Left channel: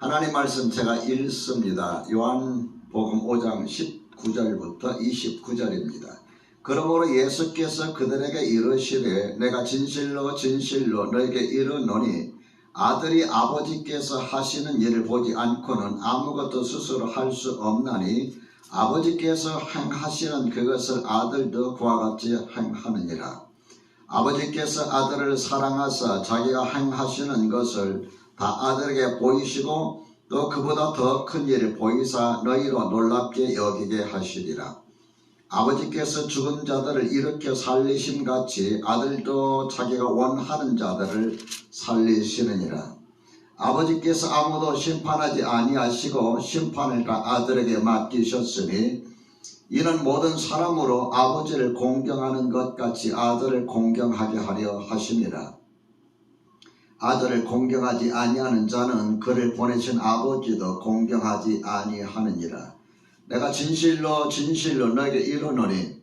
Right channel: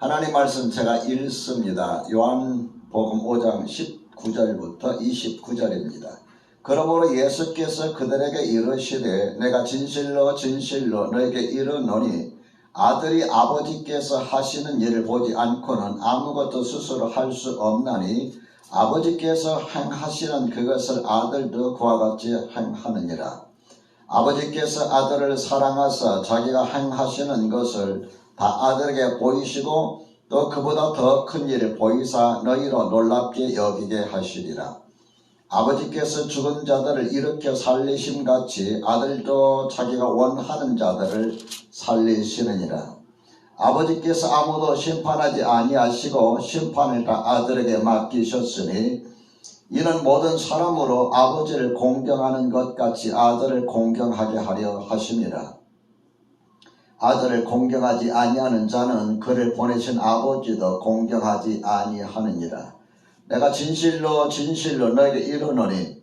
하나님 말씀 제가 읽습니다. 요한복음 5장 19절부터 29절입니다. 그러므로 예수께서 그들에게 이르시되 내가 진실로 진실로 너에게 이르노니 아들이 아버지께서 하시는 일을 보지 않고는 아무것도 스스로 할 수 없나니 아버지께서 행하시는 그것을 아들도 그와 같이 행하느니라. 아버지께서 아들을 사랑하사 자기가 행하시는 것을 다 아들에게 보이시고 또 그보다 더 큰 일을 보이사 너희로 놀랍게 여기게 하시리라. 아버지께서 죽은 자들을 일으켜 살리심같이 아들도 자기가 원하는 자들을 살리시느니라. 아버지께서 아무도 심판하지 아니하시고 심판을 다 아들에게 맡기셨으니 이는 모든 사람으로 아버지를 공경하는 것 같이 아들을 공경하게 하려 하심이라. 아들을 공경하지 아니하는 자는 그를 보내신 아버지도 공경하지 아니하느니라. 내가 진실로 진실로 너에게 이르노니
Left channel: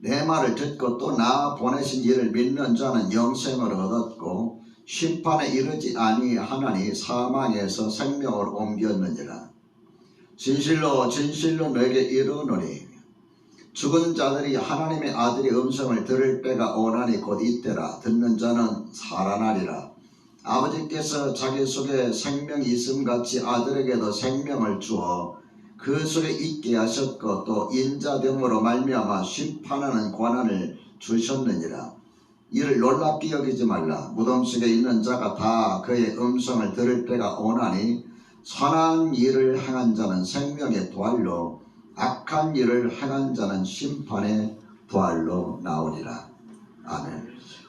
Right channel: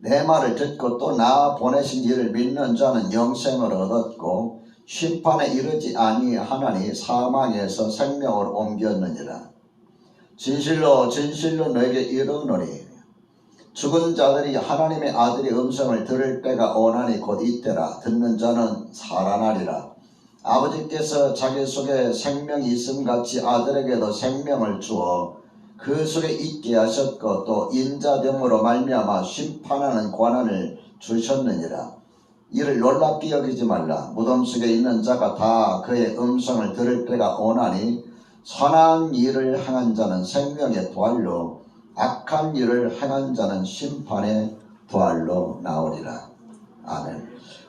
내 말을 듣고 또 나 보내신 이를 믿는 자는 영생을 얻었고 심판에 이르지 아니하나니 사망에서 생명으로 옮겼느니라. 진실로 진실로 너에게 이르노니 죽은 자들이 하나님의 아들의 음성을 들을 때가 오나니 곧 이때라. 듣는 자는 살아나리라. 아버지께서 자기 속에 생명이 있음같이 아들에게도 생명을 주어 그 속에 있게 하셨고 또 인자됨으로 말미암아 심판하는 권한을 주셨느니라. 이를 놀랍게 여기지 말라. 무덤 속에 있는 자가 다 그의 음성을 들을 때가 오나니 선한 일을 행한 자는 생명의 부활로 악한 일을 행한 자는 심판의 부활로 나오리라. 아멘.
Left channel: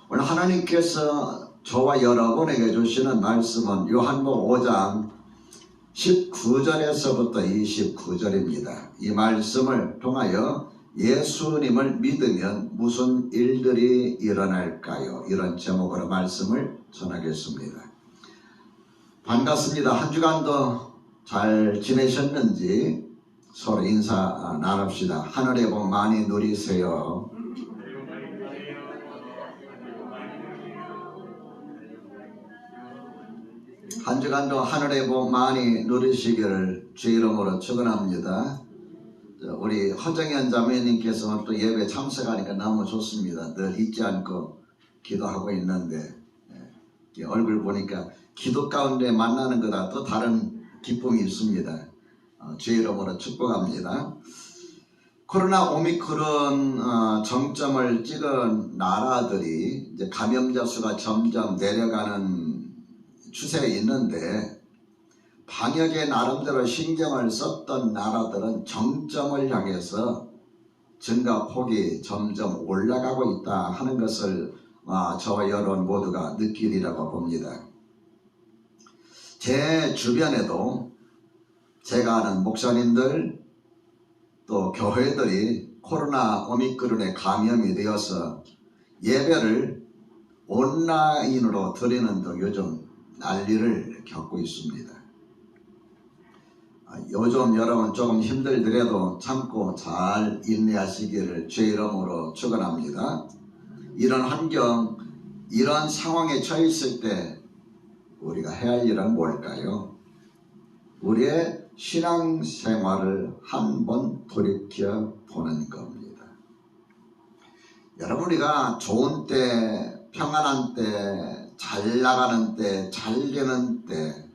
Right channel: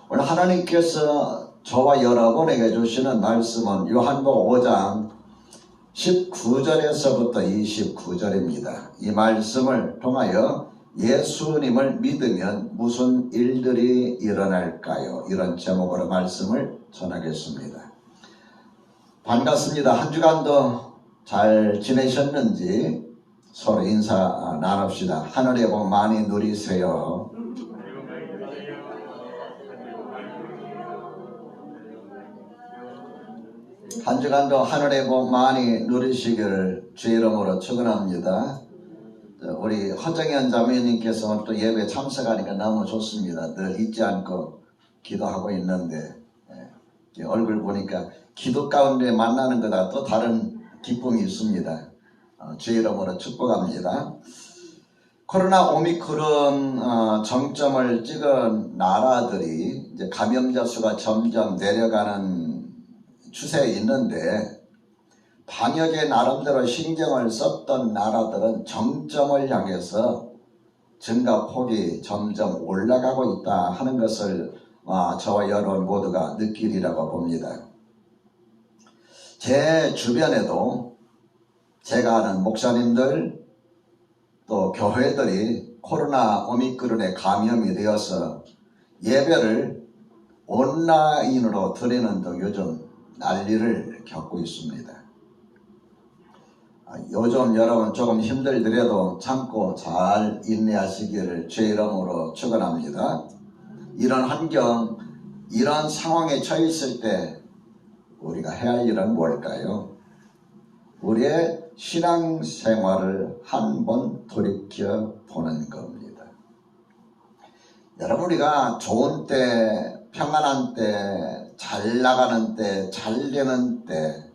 오늘 하나님께서 저와 여러분에게 주시는 말씀은 요한복음 5장 19절에서부터 29절입니다. 이 말씀을 통하여 예수님을 믿으면 무슨 일들이 일어날까요? 이런 제목으로 말씀을 전하겠습니다. 반갑습니다. 한 주간도 잘 지내셨는지 서로 인사 나눕시다. 하늘의 복 많이 누리세요. 한 주간도 하늘의 복 많이 누리시기를 주의 이름으로 축원합니다. 우리 허정현 자매님께서 또 예배 참석하니까 너무 좋습니다. 늘 잊지 않고 기도하고 있는데 얼굴 보니까 기도 가운데 만나는 거다 또 다른 기쁨이 있습니다. 주의 이름으로 축복합니다. 코로나 오미크론 정점을 찍은 나라들이 이제 감염자 수가 점점 내려가는 추세에 있는데 방역에 나름대로 신경을 썼던 나라들은 정점을 향해서 증가폭이 점점 올라가고 있다 하는 것을 저와 여러분 모두가 느끼리라고 봅니다. 제 주변에도 제가 아는 목사님들 또 교회들이 코로나 오미크론에 감염이 되어서 예배를 온라인으로 드리는 등 요즘 난리를 겪고 있습니다. 요즘 여러분 조금 힘들더라도 참고 잘 인내하시기를 주의 이름으로 축원합니다. 이런 환경, 이런 상황에 처해 있을 때 우리가 해야 할 일은 뭘까요? 우리의 신앙생활을 한번 돌이켜 보는 겁니다. 여러분, 우리가 좋은 때, 평안한 때, 잘 나가는 때, 잘 되는 때,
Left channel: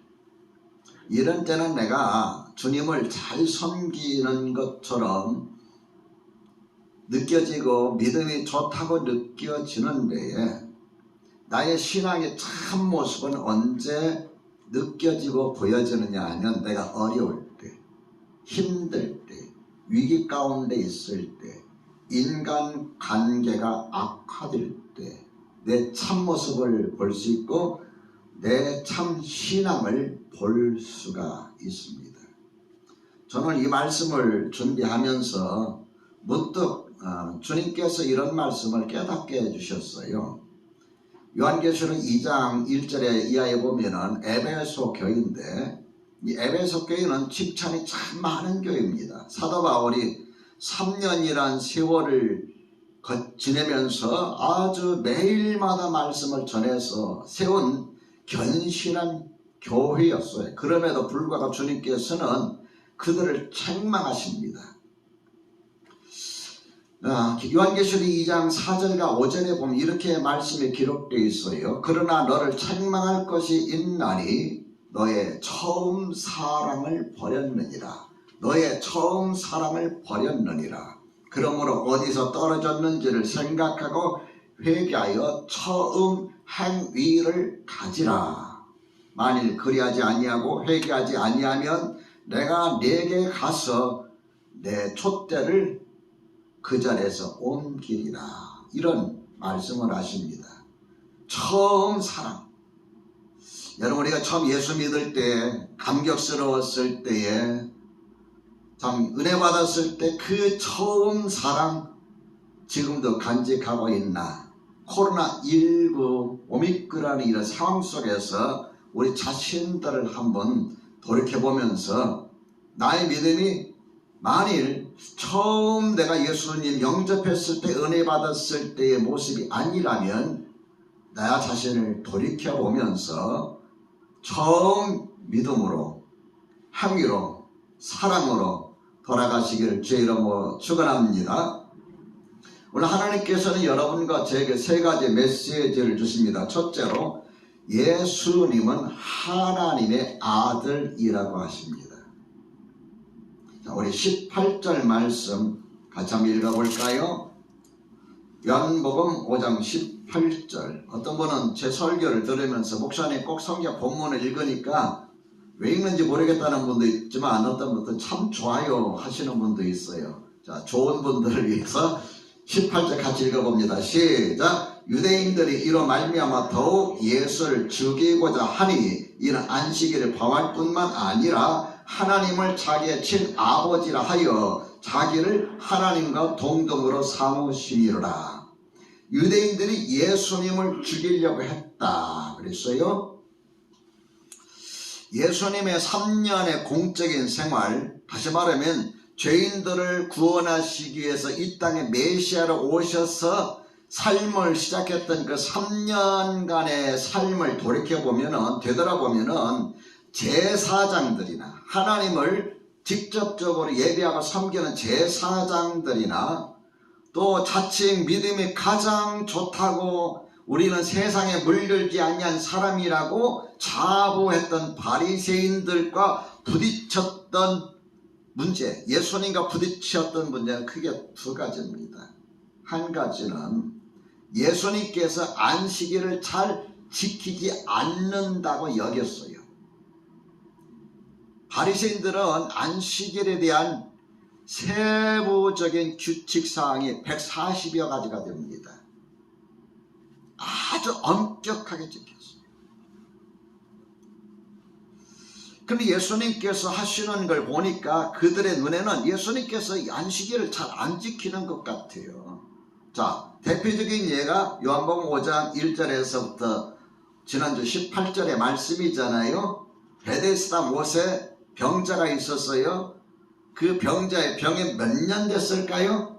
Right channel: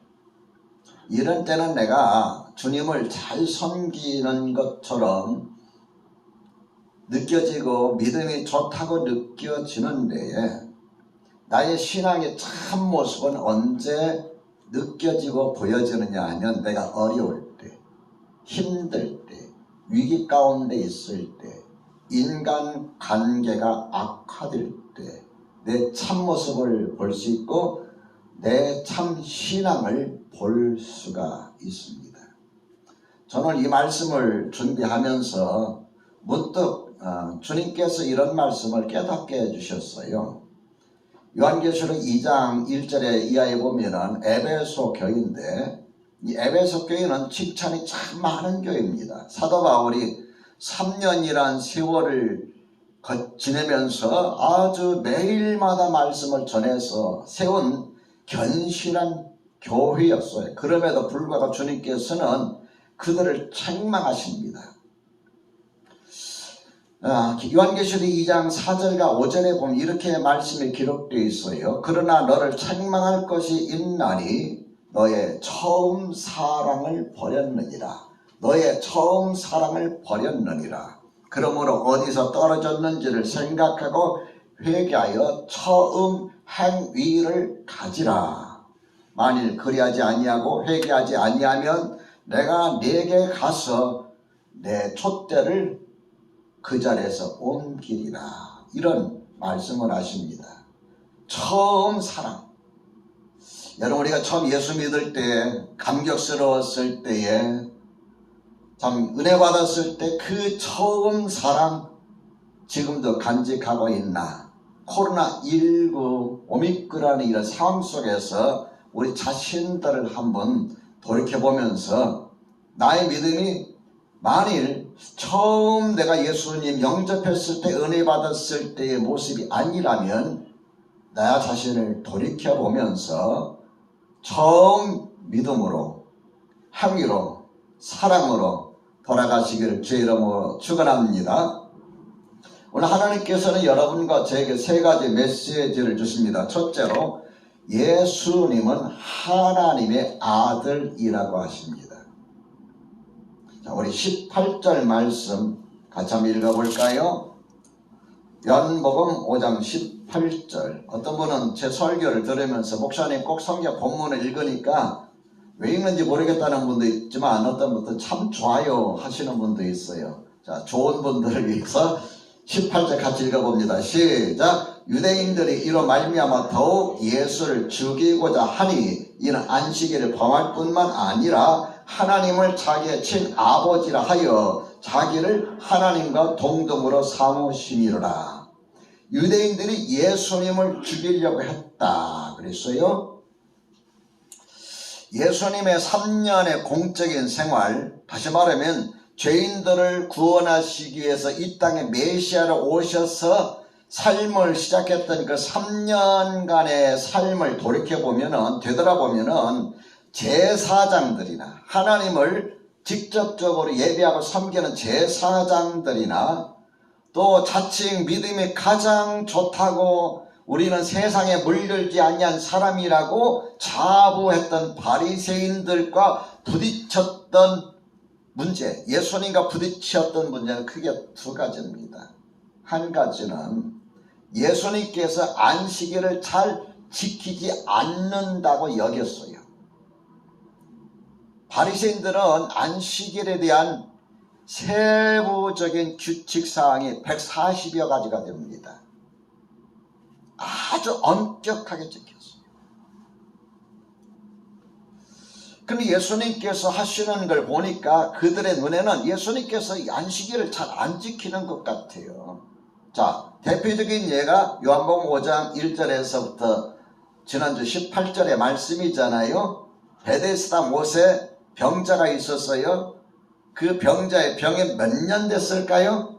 이런 때는 내가 주님을 잘 섬기는 것처럼 느껴지고 믿음이 좋다고 느껴지는데 나의 신앙의 참 모습은 언제 느껴지고 보여지느냐 하면 내가 어려울 때, 힘들 때, 위기 가운데 있을 때, 인간 관계가 악화될 때 내 참모습을 볼 수 있고 내 참 신앙을 볼 수가 있습니다. 저는 이 말씀을 준비하면서 문득 주님께서 이런 말씀을 깨닫게 해주셨어요. 요한계시록 2장 1절에 이하에 보면은 에베소 교회인데 이 에베소 교회는 칭찬이 참 많은 교회입니다. 사도 바울이 3년이란 세월을 지내면서 아주 매일마다 말씀을 전해서 세운 견실한 교회였어요. 그럼에도 불구하고 주님께서는 그들을 책망하십니다. 요한계시록 2장 4절과 5절에 보면 이렇게 말씀이 기록되어 있어요. 그러나 너를 책망할 것이 있나니 너의 처음 사랑을 버렸느니라. 너의 처음 사랑을 버렸느니라. 그러므로 어디서 떨어졌는지를 생각하고 회개하여 처음 행위를 가지라. 만일 그리하지 아니하고 회개하지 아니하면 내가 네게 가서 내 촛대를 그 자리에서 옮기리라. 이런 말씀을 하십니다. 처음 사랑. 여러분, 우리가 처음 예수 믿을 때, 감격스러웠을 때에, 참 은혜 받았을 때 그 처음 사랑 지금도 간직하고 있나? 코로나19 오미크론의 이런 상황 속에서 우리 자신들을 한번 돌이켜보면서 나의 믿음이 만일 처음 내가 예수님 영접했을 때 은혜 받았을 때의 모습이 아니라면 나 자신을 돌이켜보면서 처음 믿음으로 행위로 사랑으로 돌아가시기를 주의 이름으로 축원합니다. 오늘 하나님께서는 여러분과 저에게 세 가지 메시지를 주십니다. 첫째로 예수님은 하나님의 아들이라고 하십니다. 자, 우리 18절 말씀 같이 한번 읽어볼까요? 요한복음 5장 18절. 어떤 분은 제 설교를 들으면서 목사님 꼭 성경 본문을 읽으니까 왜 읽는지 모르겠다는 분도 있지만 어떤 분도 참 좋아요 하시는 분도 있어요. 자, 좋은 분들을 위해서 18절 같이 읽어봅니다. 시작. 유대인들이 이로 말미암아 더욱 예수를 죽이고자 하니 이는 안식일을 범할 뿐만 아니라 하나님을 자기의 친아버지라 하여 자기를 하나님과 동등으로 삼으심이로라. 유대인들이 예수님을 죽이려고 했다 그랬어요. 예수님의 3년의 공적인 생활, 다시 말하면 죄인들을 구원하시기 위해서 이 땅에 메시아로 오셔서 삶을 시작했던 그 3년간의 삶을 돌이켜보면은, 되돌아보면은 제사장들이나 하나님을 직접적으로 예배하고 섬기는 제사장들이나 또 자칭 믿음이 가장 좋다고 우리는 세상에 물들지 아니한 사람이라고 자부했던 바리새인들과 부딪혔던 문제, 예수님과 부딪혔던 문제는 크게 두 가지입니다. 한 가지는 예수님께서 안식일을 잘 지키지 않는다고 여겼어요. 바리새인들은 안식일에 대한 세부적인 규칙사항이 140여 가지가 됩니다. 아주 엄격하게 지켰어요. 근데 예수님께서 하시는 걸 보니까 그들의 눈에는 예수님께서 이 안식일을 잘 안 지키는 것 같아요. 자, 대표적인 예가 요한복음 5장 1절에서부터 지난주 18절의 말씀이잖아요. 베데스다 못에 병자가 있었어요. 그 병자의 병이 몇 년 됐을까요?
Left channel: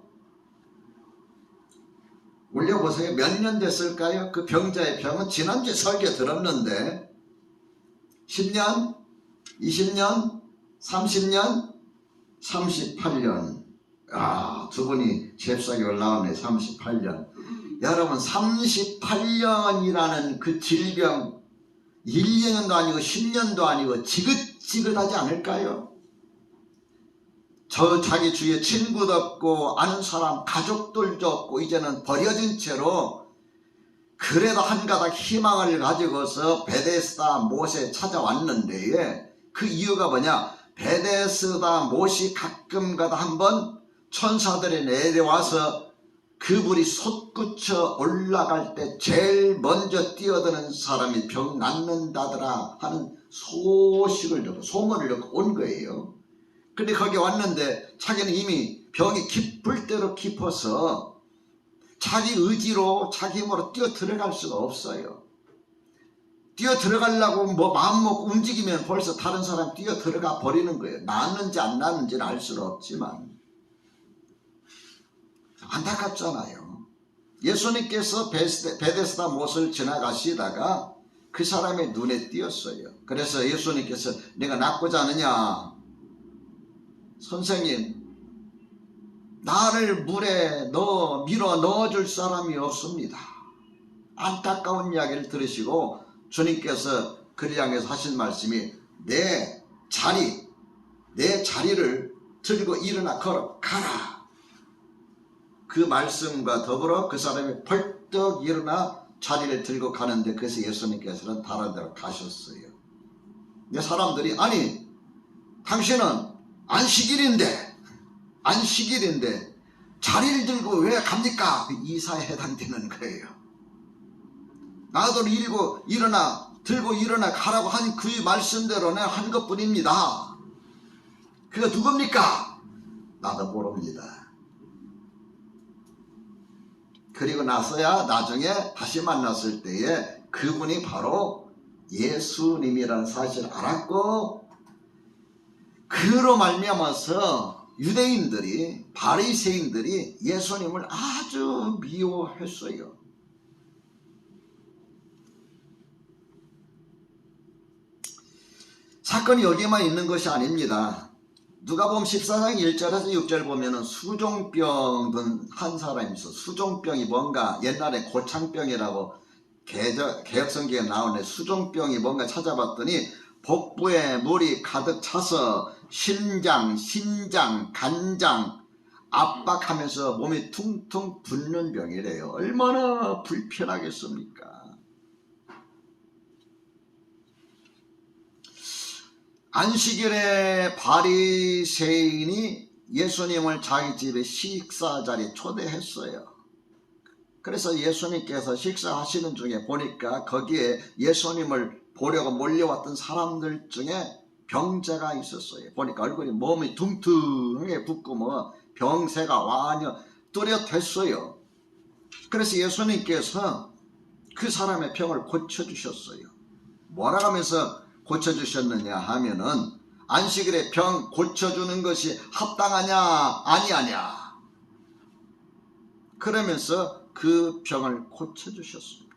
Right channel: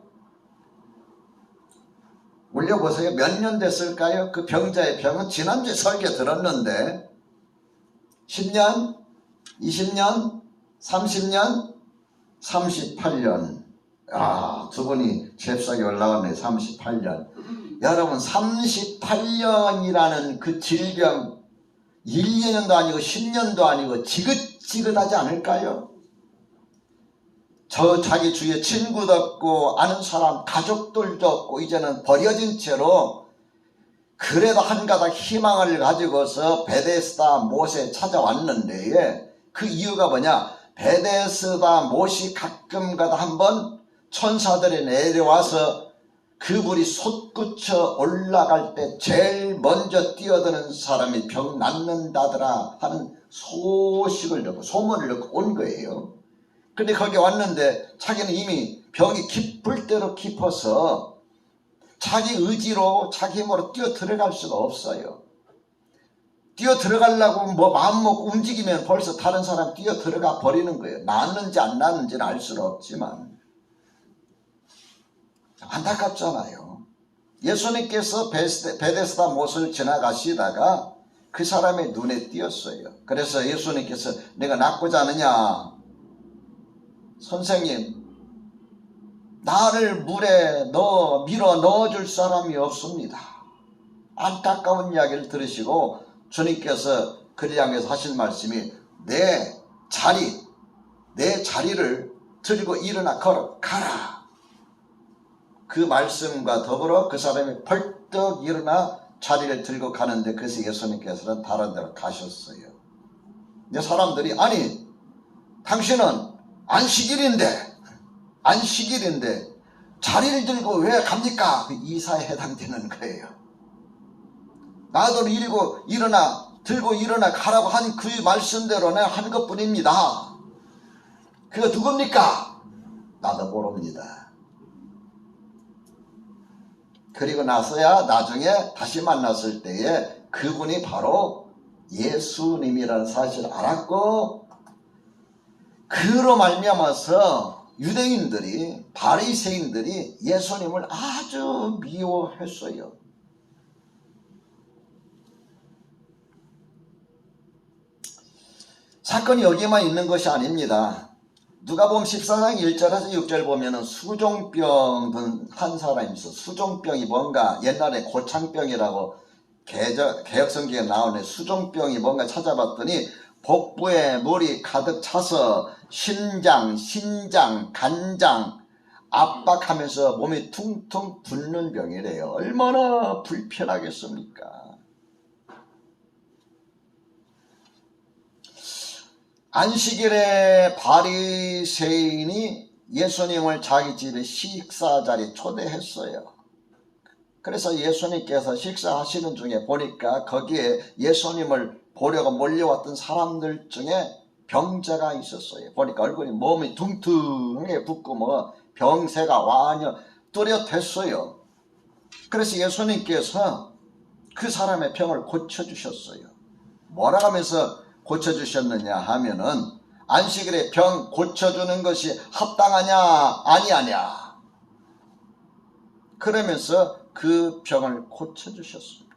올려보세요. 몇 년 됐을까요? 그 병자의 병은 지난주에 설교 들었는데 10년? 20년? 30년? 38년. 두 분이 잽싸게 올라왔네. 38년. 여러분, 38년이라는 그 질병 1년도 아니고 10년도 아니고 지긋지긋하지 않을까요? 자기 주위에 친구도 없고 아는 사람 가족들도 없고 이제는 버려진 채로 그래도 한 가닥 희망을 가지고서 베데스다 못에 찾아왔는데 그 이유가 뭐냐? 베데스다 못이 가끔가다 한번 천사들이 내려와서 그물이 솟구쳐 올라갈 때 제일 먼저 뛰어드는 사람이 병 낫는다더라 하는 소식을 듣고 소문을 듣고 온 거예요. 근데 거기 왔는데 자기는 이미 병이 깊을 대로 깊어서 자기 의지로 자기 힘으로 뛰어 들어갈 수가 없어요. 뛰어 들어가려고 마음 먹고 움직이면 벌써 다른 사람 뛰어 들어가 버리는 거예요. 낫는지 안 낫는지는 알 수는 없지만 안타깝잖아요. 예수님께서 베데스다 못을 지나가시다가 그 사람의 눈에 띄었어요. 그래서 예수님께서 내가 낫고자 하느냐? 선생님, 나를 물에 밀어 넣어줄 사람이 없습니다. 안타까운 이야기를 들으시고 주님께서 그를 향해서 하신 말씀이 내 자리를 들고 일어나 걸어가라. 그 말씀과 더불어 그 사람이 벌떡 일어나 자리를 들고 가는데 그래서 예수님께서는 다른 데로 가셨어요. 근데 사람들이 아니 당신은 안식일인데 자리를 들고 왜 갑니까? 그 이사에 해당되는 거예요. 나도 들고 일어나 가라고 한 그 말씀대로 내가 한 것뿐입니다. 그가 누굽니까? 나도 모릅니다. 그리고 나서야 나중에 다시 만났을 때에 그분이 바로 예수님이라는 사실을 알았고, 그로 말미암아서 유대인들이, 바리새인들이 예수님을 아주 미워했어요. 사건이 여기에만 있는 것이 아닙니다. 누가복음 14장 1절에서 6절 보면은 수종병 한 사람이 있어. 수종병이 뭔가 옛날에 고창병이라고 개혁성경에 나오네. 수종병이 뭔가 찾아봤더니 복부에 물이 가득 차서 신장, 간장 압박하면서 몸이 퉁퉁 붓는 병이래요. 얼마나 불편하겠습니까? 안식일에 바리새인이 예수님을 자기 집에 식사 자리에 초대했어요. 그래서 예수님께서 식사하시는 중에 보니까 거기에 예수님을 보려고 몰려왔던 사람들 중에 병자가 있었어요. 보니까 얼굴이 몸이 둥둥하게 붓고 뭐 병세가 완전 뚜렷했어요. 그래서 예수님께서 그 사람의 병을 고쳐주셨어요. 뭐라 하면서 고쳐주셨느냐 하면은 안식일에 병 고쳐주는 것이 합당하냐 아니하냐 그러면서 그 병을 고쳐주셨습니다.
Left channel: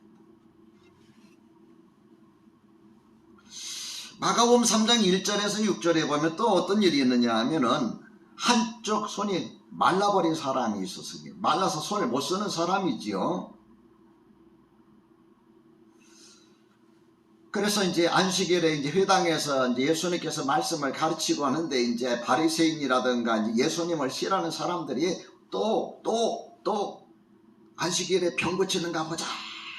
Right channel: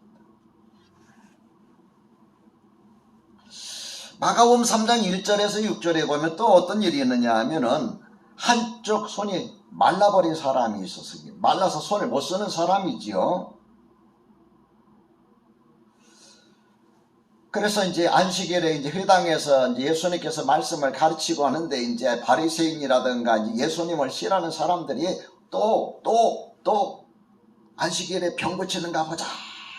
마가복음 3장 1절에서 6절에 보면 또 어떤 일이 있느냐 하면은 한쪽 손이 말라버린 사람이 있었어요. 말라서 손을 못 쓰는 사람이지요. 그래서 이제 안식일에 이제 회당에서 이제 예수님께서 말씀을 가르치고 하는데 이제 바리새인이라든가 이제 예수님을 싫어하는 사람들이 또 안식일에 병 고치는가 보자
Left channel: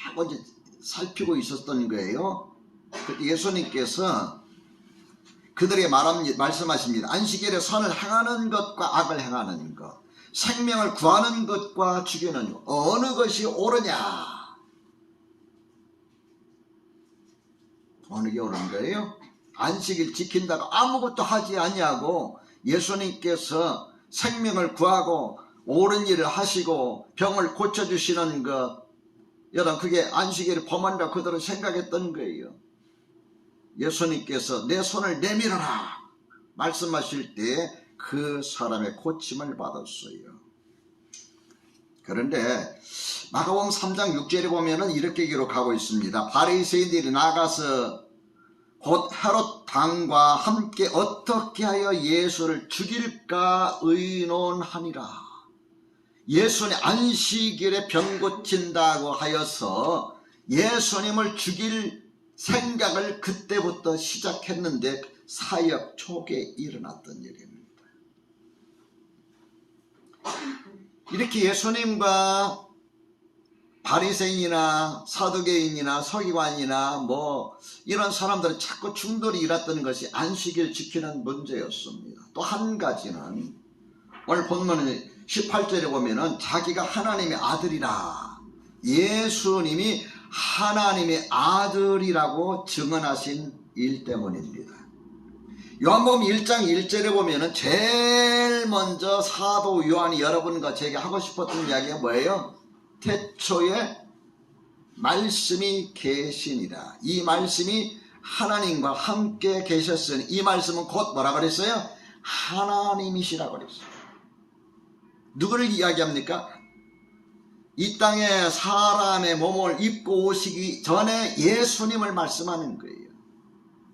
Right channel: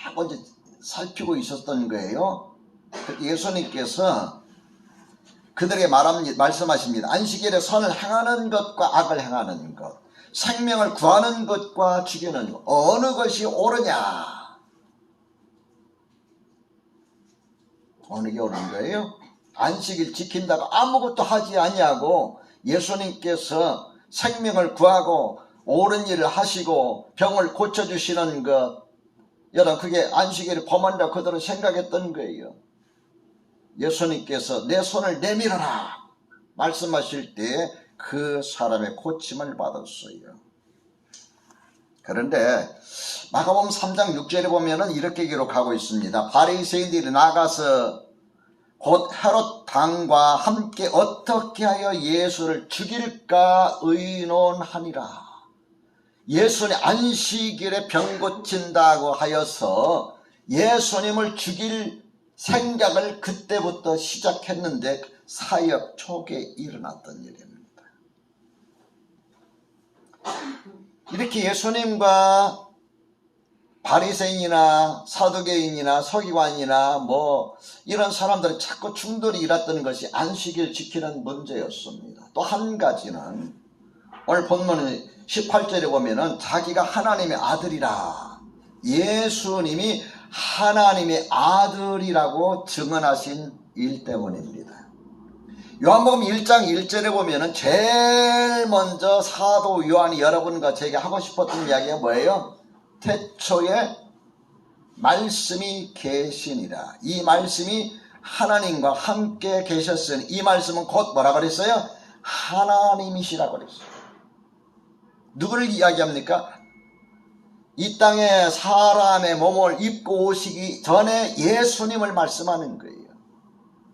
하고 이제 살피고 있었던 거예요. 그때 예수님께서 그들에게 말씀하십니다. 안식일에 선을 행하는 것과 악을 행하는 것, 생명을 구하는 것과 죽이는 것, 어느 것이 옳으냐? 어느 게 옳은 거예요? 안식일 지킨다고 아무것도 하지 아니하고 예수님께서 생명을 구하고 옳은 일을 하시고 병을 고쳐주시는 것, 여러분 그게 안식일을 범한다고 그들은 생각했던 거예요. 예수님께서 내 손을 내밀어라 말씀하실 때 그 사람의 고침을 받았어요. 그런데 마가복음 3장 6절에 보면은 이렇게 기록하고 있습니다. 바리새인들이 나가서 곧 헤롯 당과 함께 어떻게 하여 예수를 죽일까 의논하니라. 예수님 안식일에 병 고친다고 하여서 예수님을 죽일 생각을 그때부터 시작했는데 사역 초기에 일어났던 일입니다. 이렇게 예수님과 바리새인이나 사두개인이나 서기관이나 뭐 이런 사람들은 자꾸 충돌이 일었던 것이 안식일 지키는 문제였습니다. 또 한 가지는 오늘 본문 18절에 보면은 자기가 하나님의 아들이라, 예수님이 하나님의 아들이라고 증언하신 일 때문입니다. 요한복음 1장 1절에 보면은 제일 먼저 사도 요한이 여러분과 제게 하고 싶었던 이야기가 뭐예요? 태초에 말씀이 계시니라. 이 말씀이 하나님과 함께 계셨으니, 이 말씀은 곧 뭐라 그랬어요? 하나님이시라고 그랬어요. 누구를 이야기합니까? 이 땅에 사람의 몸을 입고 오시기 전에 예수님을 말씀하는 거예요.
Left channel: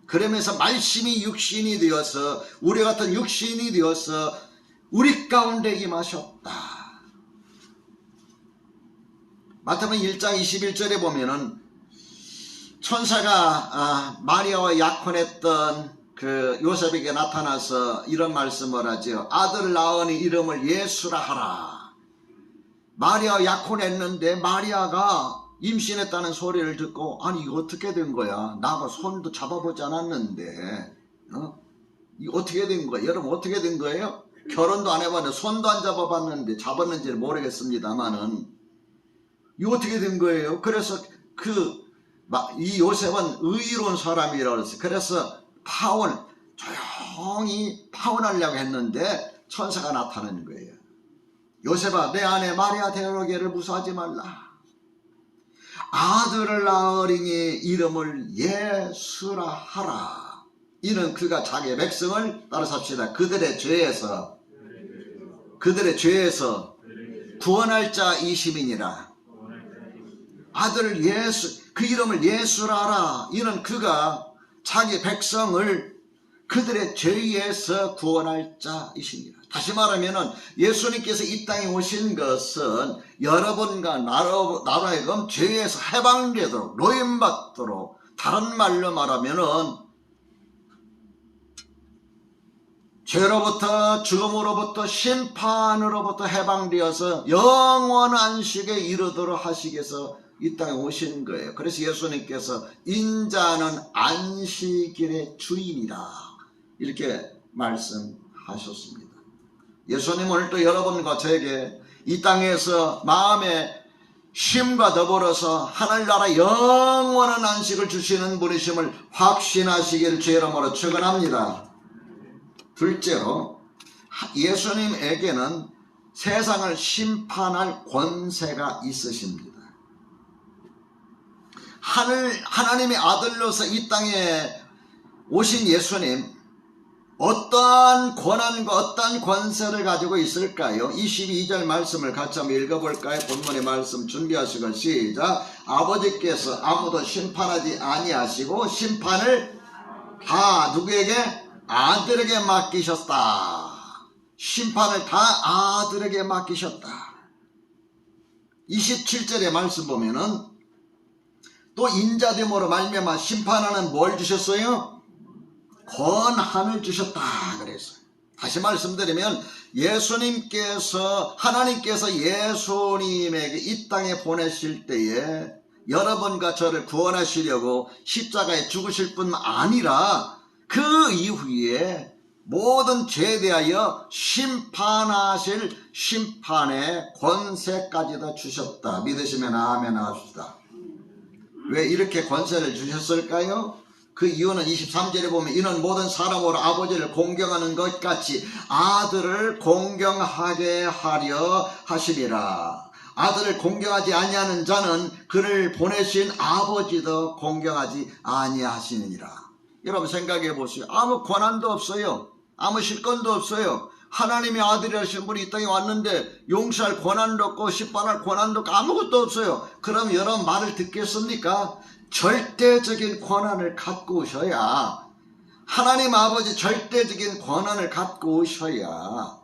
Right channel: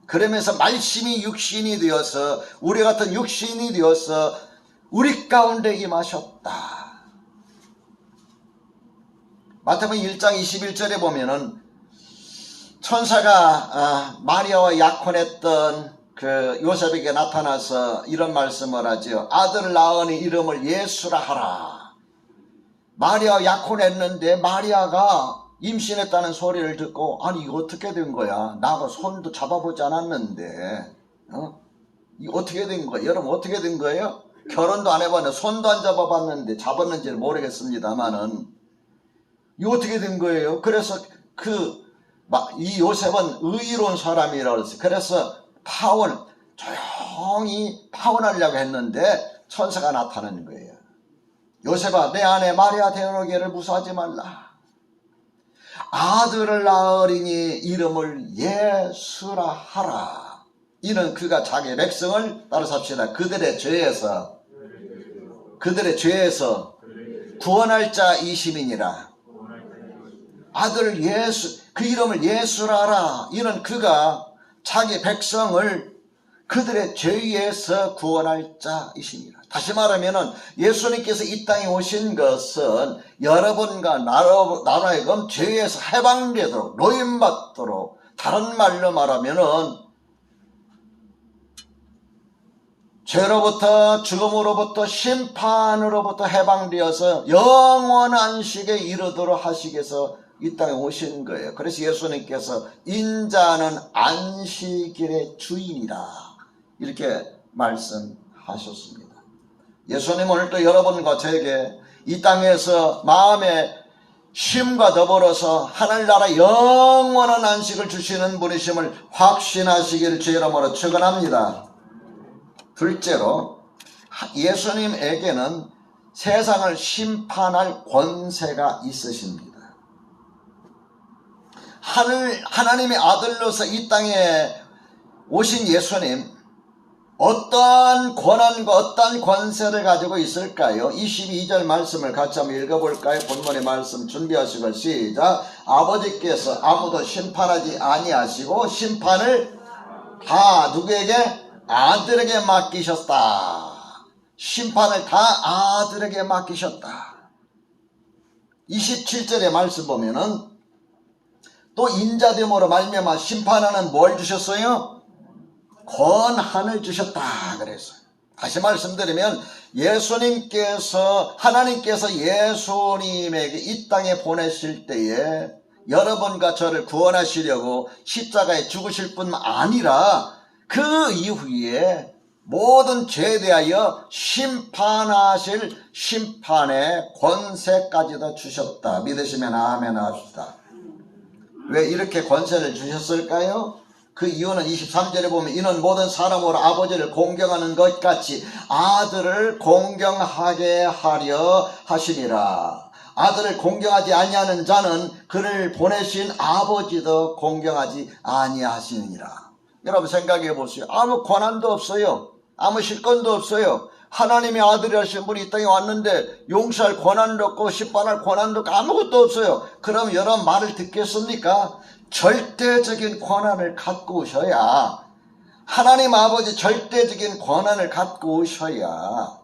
그러면서 말씀이 육신이 되어서 우리 같은 육신이 되어서 우리 가운데 임하셨다. 마태복음 1장 21절에 보면은 천사가 마리아와 약혼했던 그 요셉에게 나타나서 이런 말씀을 하죠. 아들을 낳으니 이름을 예수라 하라. 마리아 약혼했는데 마리아가 임신했다는 소리를 듣고 아니 이거 어떻게 된 거야? 나가 손도 잡아보지 않았는데 이거 어떻게 된 거야? 여러분 어떻게 된 거예요? 결혼도 안 해봤는데 손도 안 잡아봤는데 잡았는지는 모르겠습니다만은 이거 어떻게 된 거예요? 그래서 이 요셉은 의로운 사람이라고 했어요. 그래서 조용히 파혼하려고 했는데 천사가 나타나는 거예요. 요셉아 내 아내 마리아 데려오기를 무사하지 말라. 아들을 낳으리니 이름을 예수라 하라. 이는 그가 자기 백성을 따라 삽시다. 그들의 죄에서 구원할 자이심이니라. 아들 예수 그 이름을 예수라 하라. 이는 그가 자기 백성을 그들의 죄에서 구원할 자이십니다. 다시 말하면 예수님께서 이 땅에 오신 것은 여러분과 나라에금 죄에서 해방되도록 노임받도록 다른 말로 말하면 죄로부터 죽음으로부터 심판으로부터 해방되어서 영원한 안식에 이르도록 하시기 위해서 이 땅에 오신 거예요. 그래서 예수님께서 인자는 안식일의 주인이다 이렇게 말씀하셨습니다. 예수님 오늘 또 여러분과 저에게 이 땅에서 마음의 쉼과 더불어서 하늘나라 영원한 안식을 주시는 분이심을 확신하시기를 주의 이름으로 축원합니다. 둘째로 예수님에게는 세상을 심판할 권세가 있으십니다. 하나님의 아들로서 이 땅에 오신 예수님 어떠한 권한과 어떠한 권세를 가지고 있을까요? 22절 말씀을 같이 한번 읽어볼까요? 본문의 말씀 준비하시고 시작. 아버지께서 아무도 심판하지 아니하시고 심판을 다 누구에게? 아들에게 맡기셨다. 심판을 다 아들에게 맡기셨다. 27절의 말씀 보면은 또 인자됨으로 말미암아 심판하는 뭘 주셨어요? 권한을 주셨다 그랬어요. 다시 말씀드리면 하나님께서 예수님에게 이 땅에 보내실 때에 여러분과 저를 구원하시려고 십자가에 죽으실 뿐 아니라 그 이후에 모든 죄에 대하여 심판하실 심판의 권세까지도 주셨다. 믿으시면 아멘 하십시다. 왜 이렇게 권세를 주셨을까요? 그 이유는 23절에 보면 이는 모든 사람으로 아버지를 공경하는 것 같이 아들을 공경하게 하려 하시리라. 아들을 공경하지 아니하는 자는 그를 보내신 아버지도 공경하지 아니하시느니라. 여러분 생각해 보세요. 아무 권한도 없어요. 아무 실권도 없어요. 하나님의 아들이라신 분이 이 땅에 왔는데 용서할 권한도 없고 심판할 권한도 없고 아무것도 없어요. 그럼 여러분 말을 듣겠습니까? 절대적인 권한을 갖고 오셔야, 하나님 아버지 절대적인 권한을 갖고 오셔야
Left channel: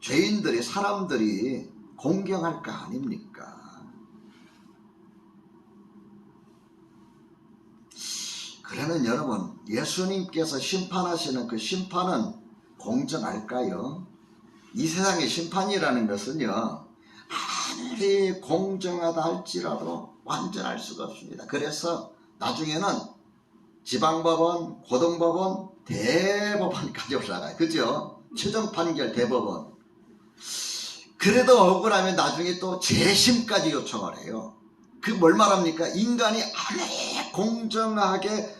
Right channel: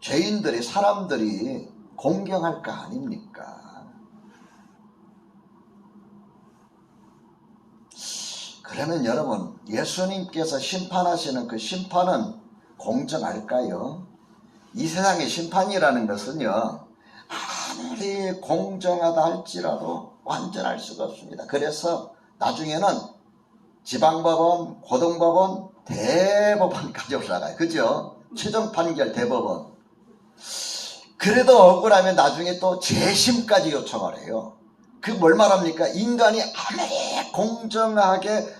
죄인들이, 사람들이 공경할 거 아닙니까? 그러면 여러분, 예수님께서 심판하시는 그 심판은 공정할까요? 이 세상의 심판이라는 것은요, 아무리 공정하다 할지라도 완전할 수가 없습니다. 그래서 나중에는 지방법원, 고등법원, 대법원까지 올라가요. 그죠? 최종 판결 대법원. 그래도 억울하면 나중에 또 재심까지 요청을 해요. 그 뭘 말합니까? 인간이 아무리 공정하게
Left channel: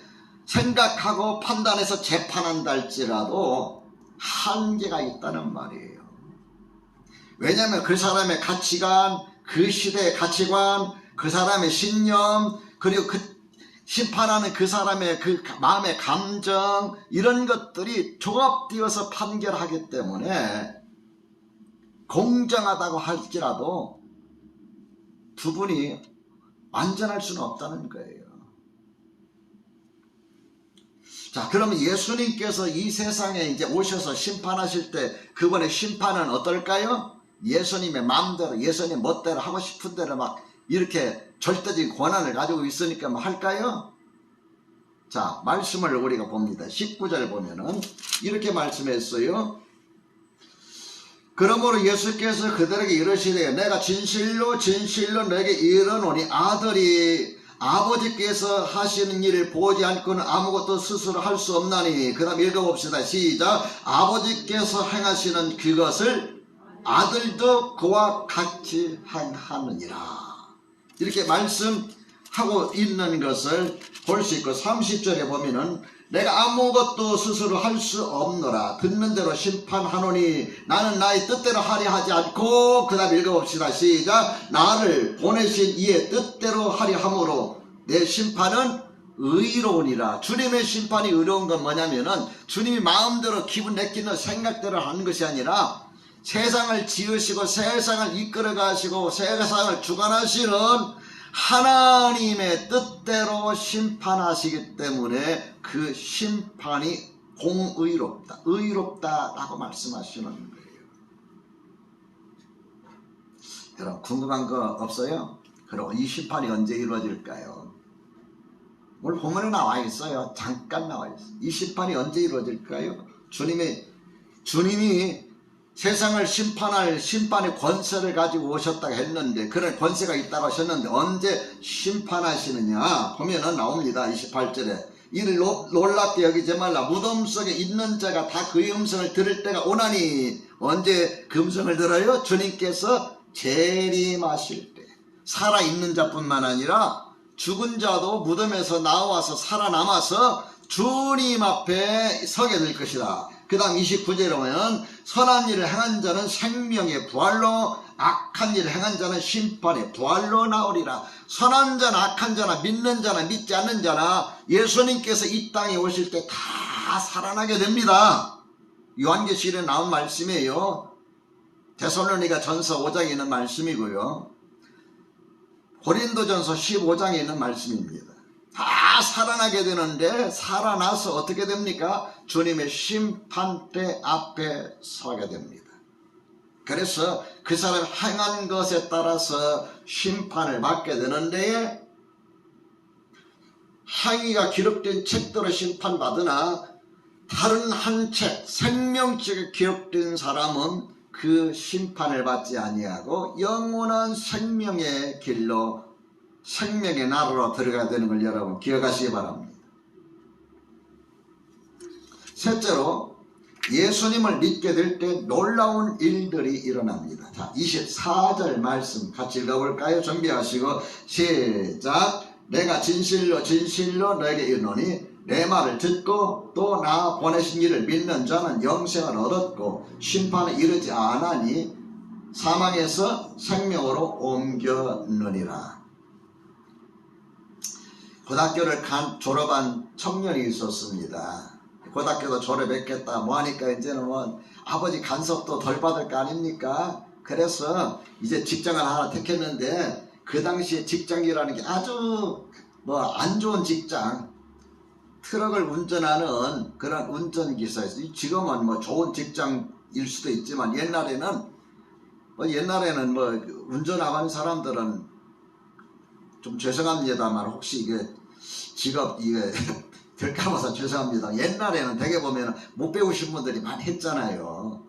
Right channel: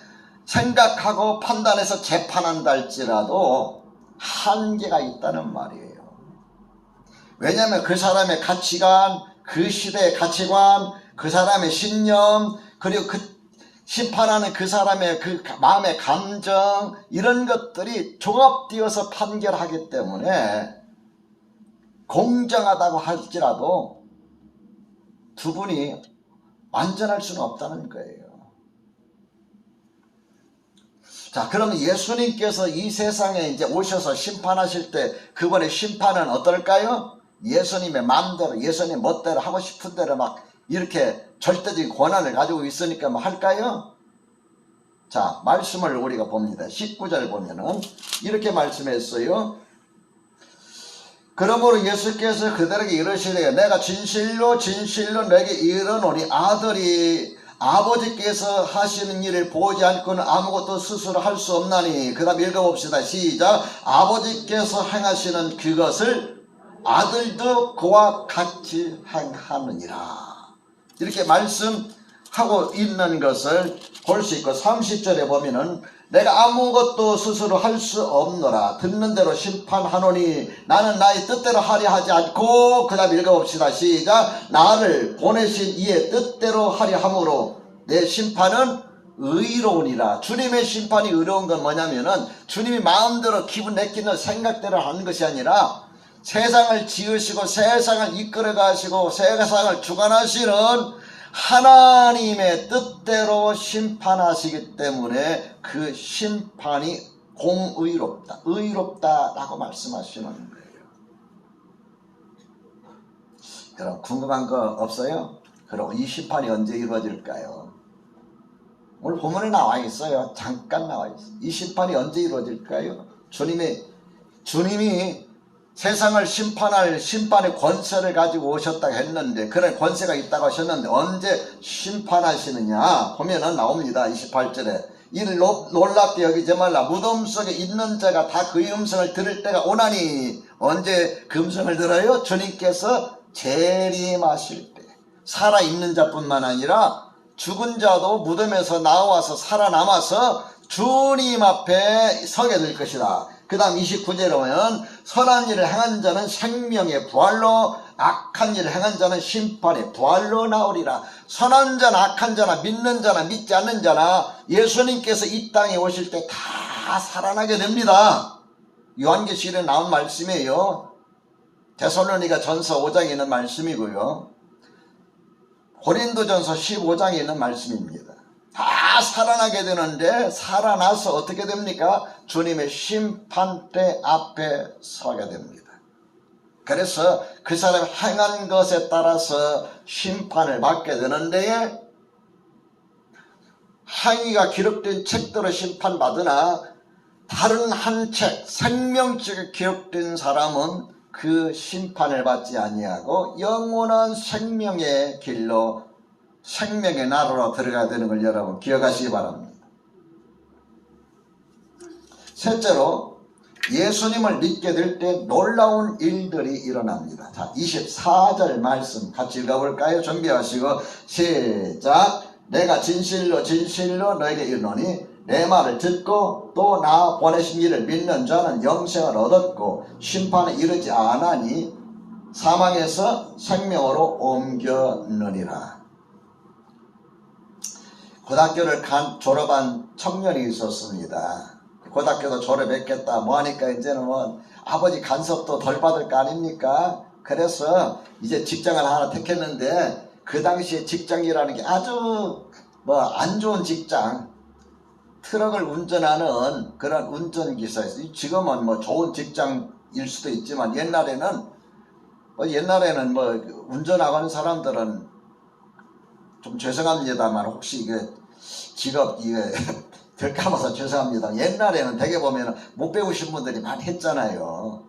생각하고 판단해서 재판한다 할지라도 한계가 있다는 말이에요. 왜냐하면 그 사람의 가치관, 그 시대의 가치관, 그 사람의 신념, 그리고 그 심판하는 그 사람의 그 마음의 감정, 이런 것들이 종합되어서 판결하기 때문에 공정하다고 할지라도 두 분이 완전할 수는 없다는 거예요. 자, 그러면 예수님께서 이 세상에 이제 오셔서 심판하실 때 그분의 심판은 어떨까요? 예수님의 마음대로, 예수님 멋대로 하고 싶은 대로 막 이렇게 절대적인 권한을 가지고 있으니까 뭐 할까요? 자, 말씀을 우리가 봅니다. 19절 보면은 이렇게 말씀했어요. 그러므로 예수께서 그들에게 이르시되 내가 진실로 진실로 너에게 이르노니 아들이 아버지께서 하시는 일을 보지 않고는 아무것도 스스로 할 수 없나니. 그 다음 읽어봅시다. 시작. 아버지께서 행하시는 그것을 아들도 그와 같이 행하느니라. 이렇게 말씀하고 있는 것을 볼 수 있고 30절에 보면은 내가 아무것도 스스로 할 수 없노라. 듣는 대로 심판하노니 나는 나의 뜻대로 하려 하지 않고. 그 다음 읽어봅시다. 시작. 나를 보내신 이의 뜻대로 하려 함으로 내 심판은 의로우니라. 주님의 심판이 의로운 건 뭐냐면은 주님이 마음대로 기분 내키는 생각대로 하는 것이 아니라 세상을 지으시고 세상을 이끌어 가시고 세상을 주관하시는 하나님의 뜻대로 심판하시기 때문에 그 심판이 공의롭다, 의롭다라고 말씀하시는 거예요. 여러분 궁금한 거 없어요? 그럼 이 심판이 언제 이루어질까요? 오늘 본문에 나와 있어요. 잠깐 나와 있어요. 이 심판이 언제 이루어질까요? 주님이 세상을 심판할 심판의 권세를 가지고 오셨다고 했는데, 그런 권세가 있다고 하셨는데 언제 심판하시느냐 보면은 나옵니다. 28절에 이를 놀랍게 여기지 말라. 무덤 속에 있는 자가 다 그의 음성을 들을 때가 오나니. 언제 그 음성을 들어요? 주님께서 재림하실 때. 살아있는 자뿐만 아니라 죽은 자도 무덤에서 나와서 살아남아서 주님 앞에 서게 될 것이다. 그 다음 29절에 보면 선한 일을 행한 자는 생명의 부활로, 악한 일을 행한 자는 심판의 부활로 나오리라. 선한 자나 악한 자나 믿는 자나 믿지 않는 자나 예수님께서 이 땅에 오실 때 다 살아나게 됩니다. 요한계시록에 나온 말씀이에요. 데살로니가 전서 5장에 있는 말씀이고요. 고린도전서 15장에 있는 말씀입니다. 다 살아나게 되는데 살아나서 어떻게 됩니까? 주님의 심판대 앞에 서게 됩니다. 그래서 그 사람이 행한 것에 따라서 심판을 받게 되는데, 행위가 기록된 책대로 심판받으나 다른 한 책 생명책에 기록된 사람은 그 심판을 받지 아니하고 영원한 생명의 길로, 생명의 나라로 들어가야 되는 걸 여러분 기억하시기 바랍니다. 셋째로 예수님을 믿게 될 때 놀라운 일들이 일어납니다. 자, 24절 말씀 같이 읽어볼까요? 준비하시고 시작. 내가 진실로 진실로 너에게 이르노니 내 말을 듣고 또 나 보내신 이를 믿는 자는 영생을 얻었고 심판에 이르지 아나니 사망에서 생명으로 옮겼느니라. 고등학교를 졸업한 청년이 있었습니다. 고등학교도 졸업했겠다 뭐하니까 이제는 뭐 아버지 간섭도 덜 받을 거 아닙니까? 그래서 이제 직장을 하나 택했는데 그 당시에 직장이라는 게 아주 뭐 안 좋은 직장, 트럭을 운전하는 그런 운전기사였어요. 지금은 뭐 좋은 직장일 수도 있지만 옛날에는 뭐 운전하는 사람들은 좀 죄송합니다만 혹시 이게 직업 이게 들까봐서 죄송합니다. 옛날에는 되게 보면 못 배우신 분들이 많이 했잖아요.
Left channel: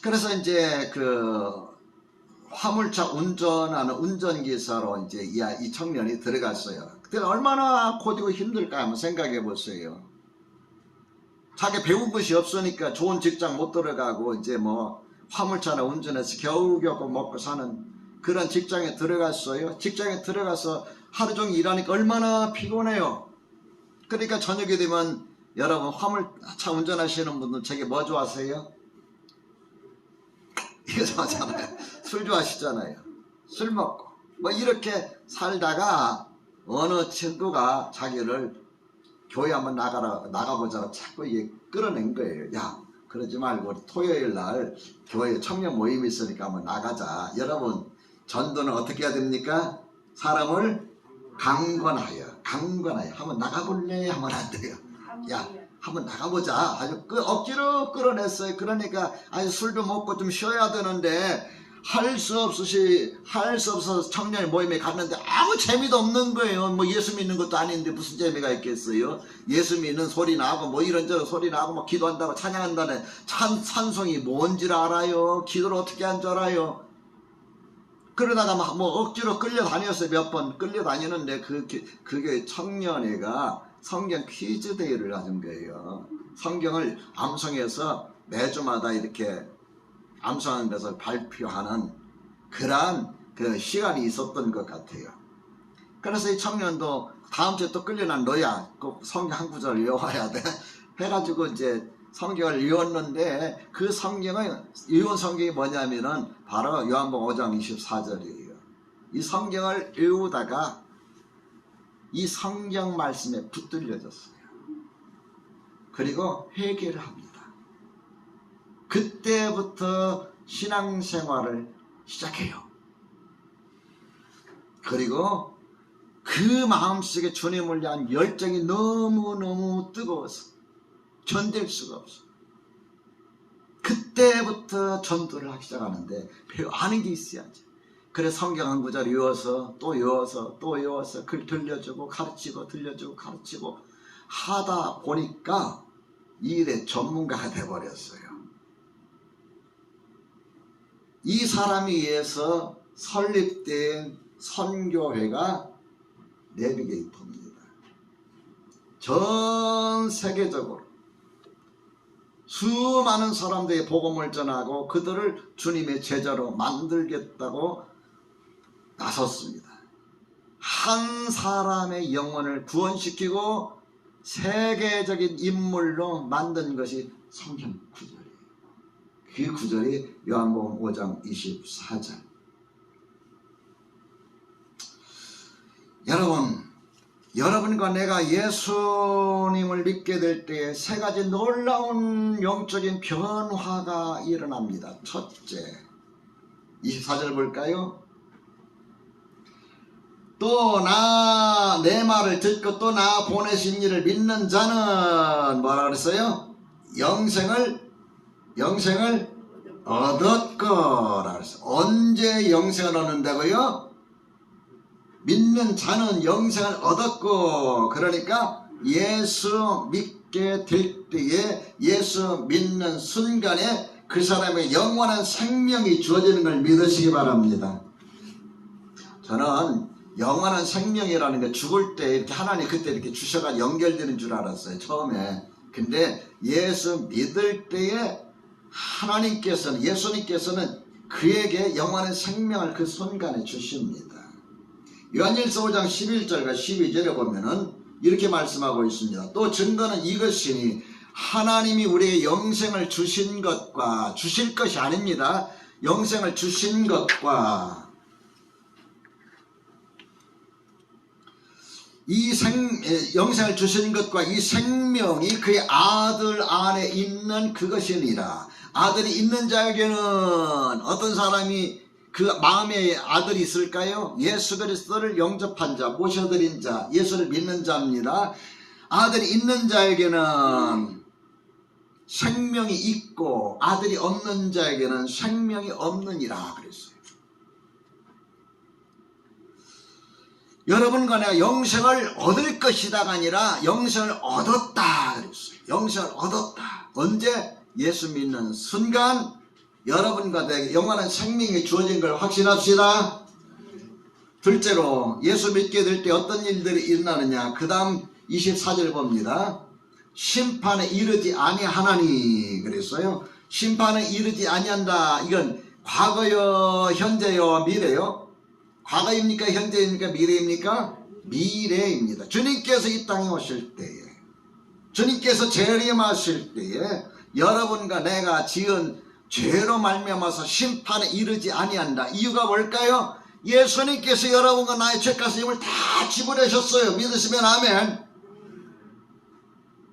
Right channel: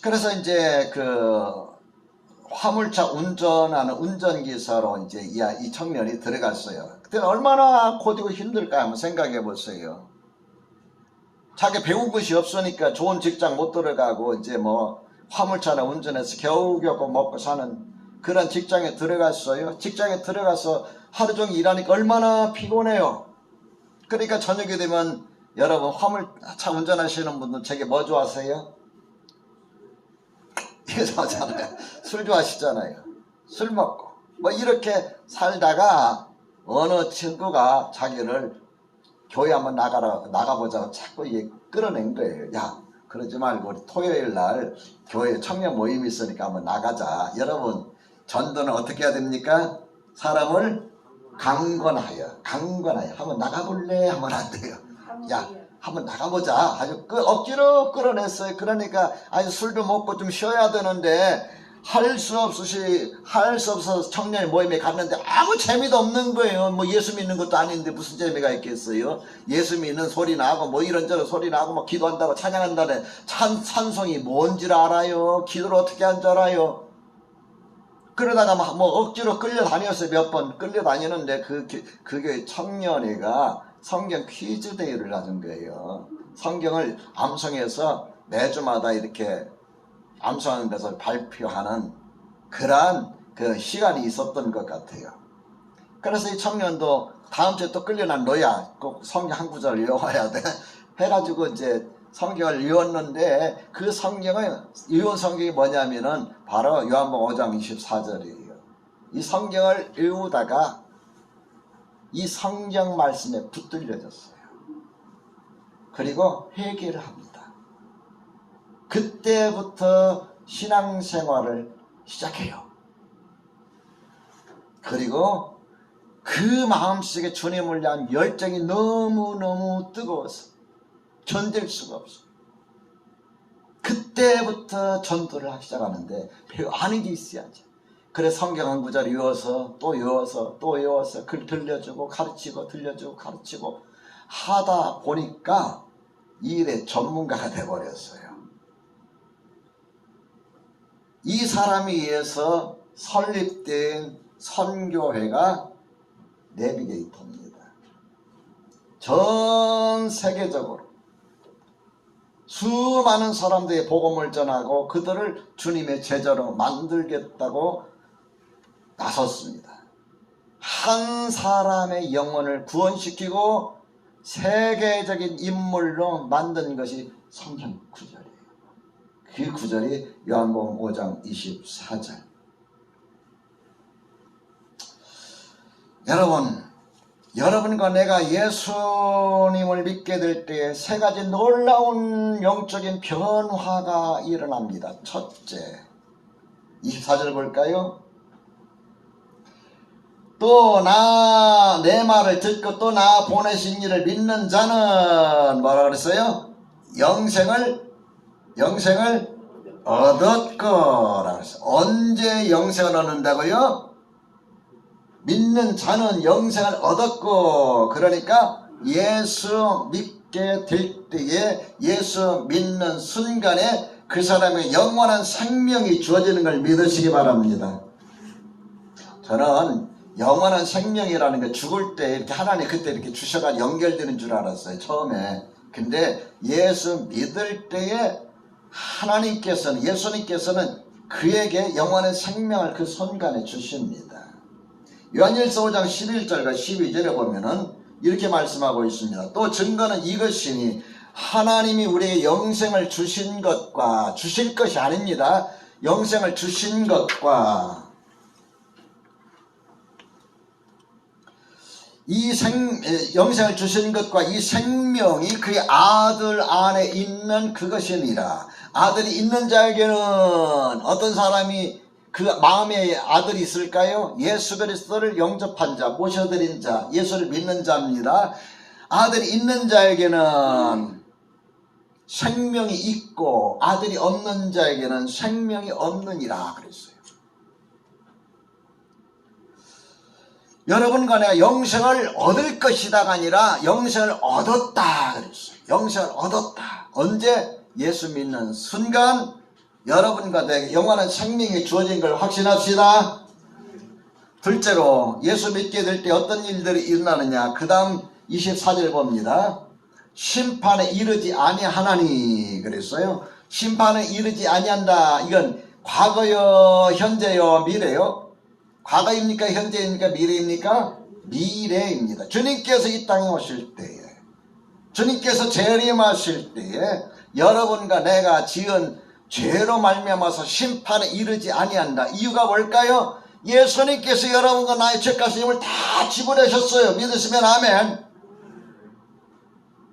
그래서 이제 그 화물차 운전하는 운전기사로 이제 이 청년이 들어갔어요. 그때 얼마나 고되고 힘들까 한번 생각해 보세요. 자기 배운 것이 없으니까 좋은 직장 못 들어가고 이제 뭐 화물차나 운전해서 겨우겨우 먹고 사는 그런 직장에 들어갔어요. 직장에 들어가서 하루 종일 일하니까 얼마나 피곤해요. 그러니까 저녁이 되면 여러분 화물차 운전하시는 분들 저게 뭐 좋아하세요? 이거 좋아하잖아요. 술 좋아하시잖아요. 술 먹고 뭐 이렇게 살다가 어느 친구가 자기를 교회 한번 나가보자고 자꾸 이게 끌어낸 거예요. 야, 그러지 말고 우리 토요일 날 교회 청년 모임이 있으니까 한번 나가자. 여러분 전도는 어떻게 해야 됩니까? 사람을 강권하여 한번 나가볼래? 하면 안 돼요. 야, 한번 나가보자. 아주 억지로 끌어냈어요. 그러니까 아주 술도 먹고 좀 쉬어야 되는데 할 수 없어서 청년 모임에 갔는데 아무 재미도 없는 거예요. 뭐 예수 믿는 것도 아닌데 무슨 재미가 있겠어요? 예수 믿는 소리 나고 뭐 이런저런 소리 나고 뭐 기도한다고 찬양한다는 찬송이 뭔지를 알아요? 기도를 어떻게 한 줄 알아요? 그러다가 뭐 억지로 끌려다녔어요. 몇 번 끌려다니는데 그게 청년회가 성경 퀴즈 대회를 가진 거예요. 성경을 암송해서 매주마다 이렇게 암송하는 것을 발표하는 그러한 그 시간이 있었던 것 같아요. 그래서 이 청년도 다음 주에 또 끌려난 너야 꼭 성경 한 구절을 외워야 돼 해가지고 이제 성경을 외웠는데 그 외운 성경이 뭐냐면은 바로 요한복음 5장 24절이에요. 이 성경을 외우다가 이 성경 말씀에 붙들려졌어요. 그리고 회개를 합니다. 그때부터 신앙생활을 시작해요. 그리고 그 마음속에 주님을 위한 열정이 너무너무 뜨거워서 견딜 수가 없어. 그때부터 전도를 하기 시작하는데 아는 게 있어야지. 그래서 성경 한 구절 외워서 또 외워서 또 외워서 글 들려주고 가르치고 들려주고 가르치고 하다 보니까 이 일의 전문가가 돼버렸어요. 이 사람에 의해서 설립된 선교회가 내비게이터입니다. 전 세계적으로 수많은 사람들의 복음을 전하고 그들을 주님의 제자로 만들겠다고 나섰습니다. 한 사람의 영혼을 구원시키고 세계적인 인물로 만든 것이 성경 구절이에요. 그 구절이 요한복음 5장 24절. 여러분과 내가 예수님을 믿게 될 때에 세 가지 놀라운 영적인 변화가 일어납니다. 첫째, 24절 볼까요? 또 내 말을 듣고 또 나 보내신 이를 믿는 자는 뭐라 그랬어요? 영생을 얻었거라 그랬어요. 언제 영생을 얻는다고요? 믿는 자는 영생을 얻었고, 그러니까 예수 믿게 될 때에 예수 믿는 순간에 그 사람의 영원한 생명이 주어지는 걸 믿으시기 바랍니다. 저는 영원한 생명이라는 게 죽을 때 이렇게 하나님 그때 이렇게 주셔가지고 연결되는 줄 알았어요, 처음에. 근데 예수 믿을 때에 예수님께서는 그에게 영원한 생명을 그 순간에 주십니다. 요한일서 5장 11절과 12절에 보면은 이렇게 말씀하고 있습니다. 또 증거는 이것이니 하나님이 우리에게 영생을 주신 것과, 주실 것이 아닙니다. 영생을 주신 것과 영생을 주신 것과 이 생명이 그의 아들 안에 있는 그것이니라. 아들이 있는 자에게는 어떤 사람이 그 마음에 아들이 있을까요? 예수 그리스도를 영접한 자, 모셔드린 자, 예수를 믿는 자입니다. 아들이 있는 자에게는 생명이 있고 아들이 없는 자에게는 생명이 없느니라 그랬어요. 여러분과 내가 영생을 얻을 것이다가 아니라 영생을 얻었다 그랬어요. 영생을 얻었다. 언제? 예수 믿는 순간 여러분과 내게 영원한 생명이 주어진 걸 확신합시다. 둘째로 예수 믿게 될 때 어떤 일들이 일어나느냐. 그 다음 24절 봅니다. 심판에 이르지 아니하나니 그랬어요. 심판에 이르지 아니한다. 이건 과거요, 현재요, 미래요. 과거입니까? 현재입니까? 미래입니까? 미래입니다. 주님께서 이 땅에 오실 때에, 주님께서 재림하실 때에 여러분과 내가 지은 죄로 말미암아서 심판에 이르지 아니한다. 이유가 뭘까요? 예수님께서 여러분과 나의 죄값 짐을 다 지불하셨어요. 믿으시면 아멘.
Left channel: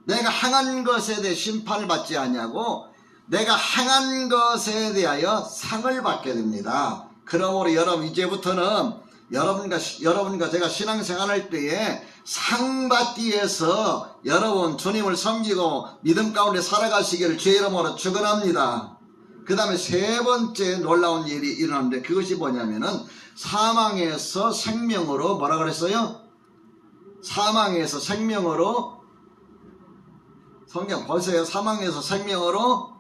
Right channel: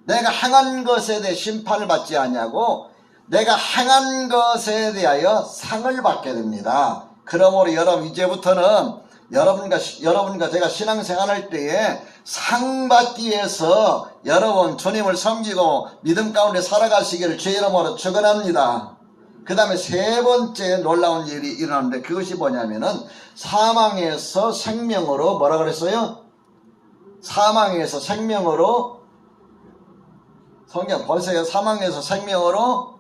내가 행한 것에 대해 심판을 받지 아니하고 내가 행한 것에 대하여 상을 받게 됩니다. 그러므로 여러분 이제부터는 여러분과 제가 신앙생활할 때에 상 받기 위해서 여러분 주님을 섬기고 믿음 가운데 살아가시기를 주의 이름으로 축원합니다. 그 다음에 세 번째 놀라운 일이 일어나는데 그것이 뭐냐면은 사망에서 생명으로 뭐라 그랬어요? 사망에서 생명으로, 성경 보세요. 사망에서 생명으로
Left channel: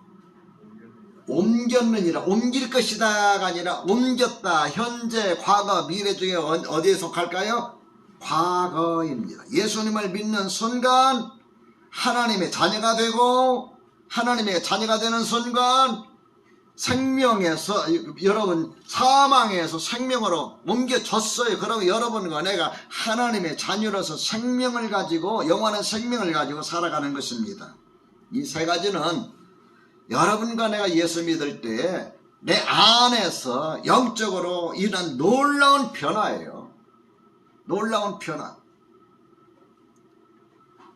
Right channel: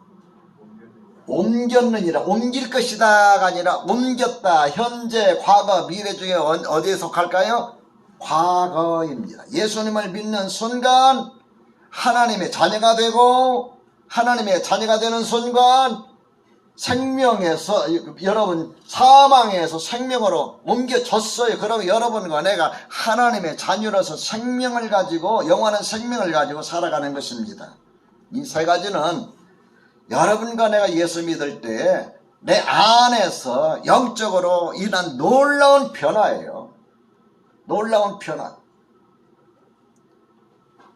옮겼느니라. 옮길 것이다가 아니라 옮겼다. 현재, 과거, 미래 중에 어디에 속할까요? 과거입니다. 예수님을 믿는 순간 하나님의 자녀가 되고, 하나님의 자녀가 되는 순간 생명에서, 여러분 사망에서 생명으로 옮겨졌어요. 그러면 여러분과 내가 하나님의 자녀로서 생명을 가지고, 영원한 생명을 가지고 살아가는 것입니다. 이 세 가지는 여러분과 내가 예수 믿을 때 내 안에서 영적으로 일어난 놀라운 변화예요. 놀라운 변화.